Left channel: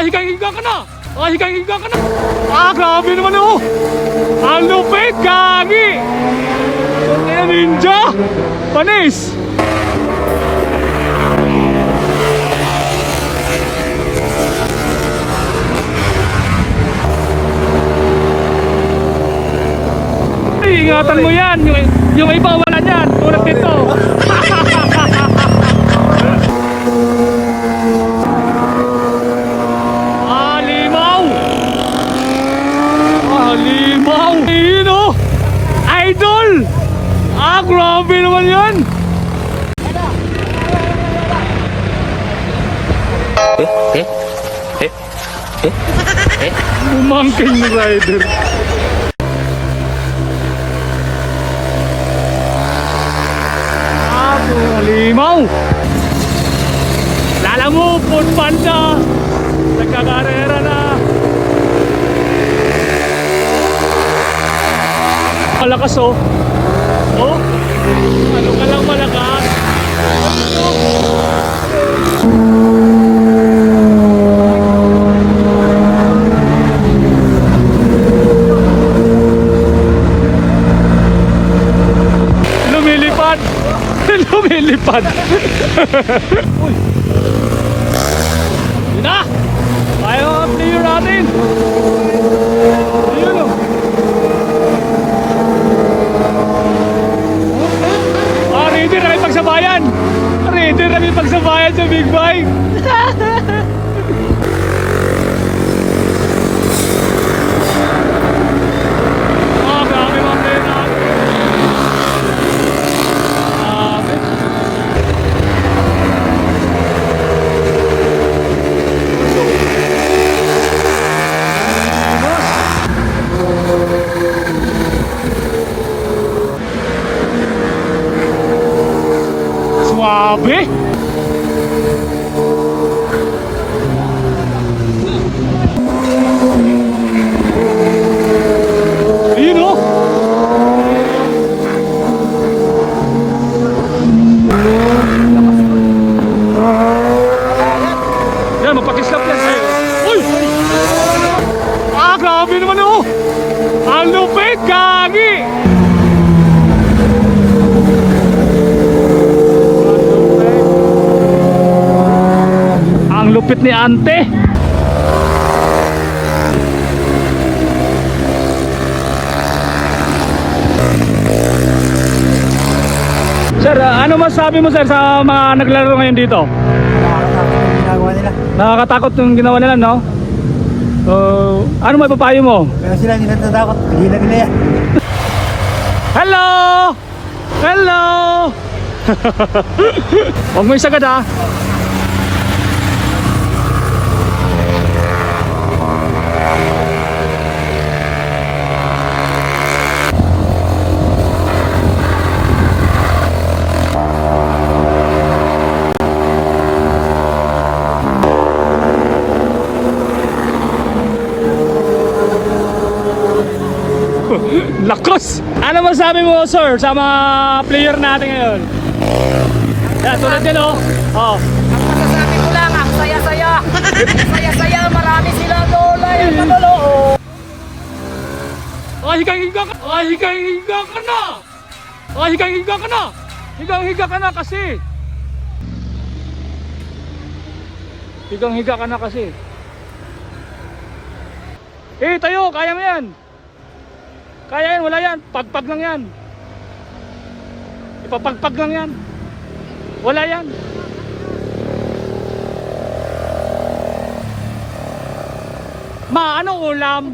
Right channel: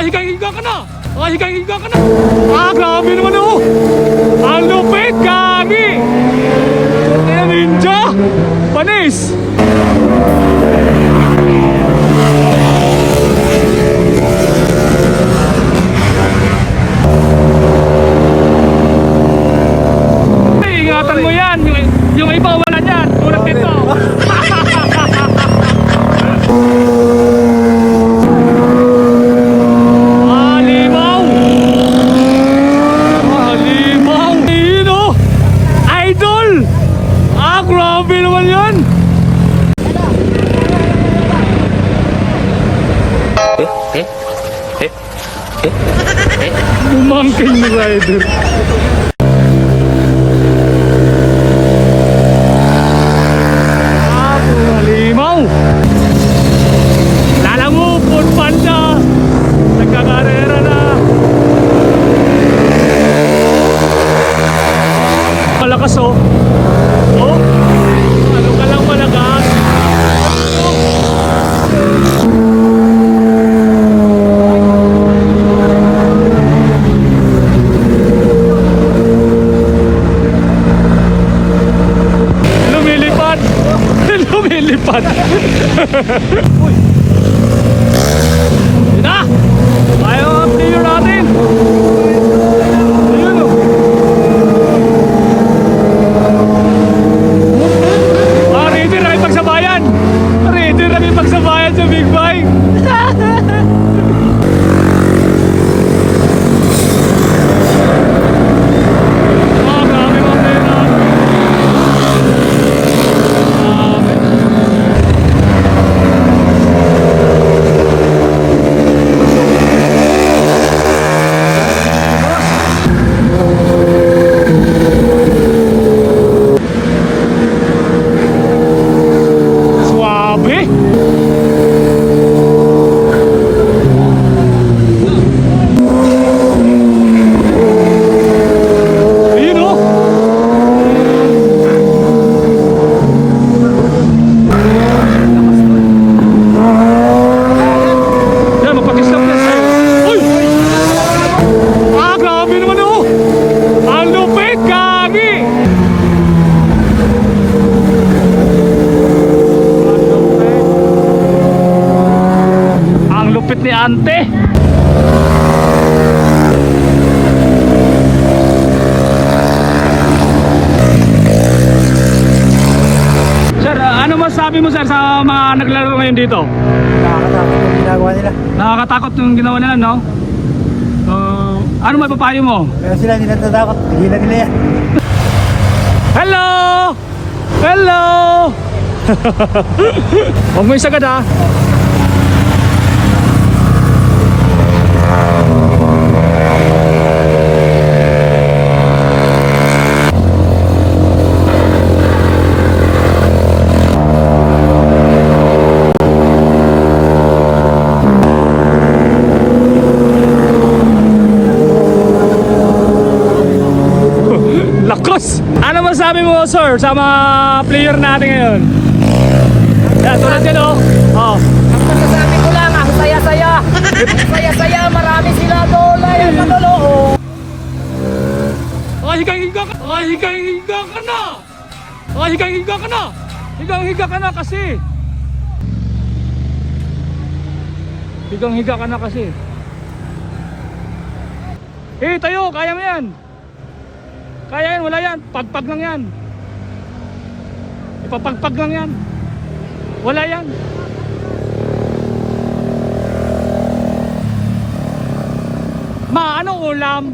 higang-higa ka na. Higang-higa ka na. Grabe naman oh. Ang lupit, gagi. Kaya ninja. Panis. Ingatan mo yan. Yung iba wala yan. Tulad nito. Grabe naman yan! Umangking rider. Malimaw! Lala mo, food panda! Nagkakarera na! Malakas oh! Ano ka lang managas? Lumilipad! Lumilipad! Uy! Na! Ayaw ang player natin! Ayun o! Pagsabayan! Ready na yung pagsabayan sa Big Bike! Grabe mga pera! Lupit ni ante. Sir, ano masabi mo sir sa mga naglaro ngayon dito? Nakakatakot yung ginagawa nila. Nakakatakot yung ginawa nila, no? So, ano may papayo mo? Kaya sila hindi natatakot, tigilan nila yan. Hello! Hello! Huwag mo isagad ha. Lakas! Ano masabi mo sir sa mga player natin ngayon? Yan, tulad yan oh. Ang masasabi ko lang, ang saya-saya. Ang saya-saya, marami sila doon. Ay, kalolo. Higang-higa ka! Higang-higa ka na! Higang-higa ka na! Higang-higa ka na kasi! Higang-higa ka na kasi! Tayo! Kaya mo yan! Kaya yan, wala yan. Pagpag lang yan. Ipapagpag lang yan. Wala yan. Ano ulam?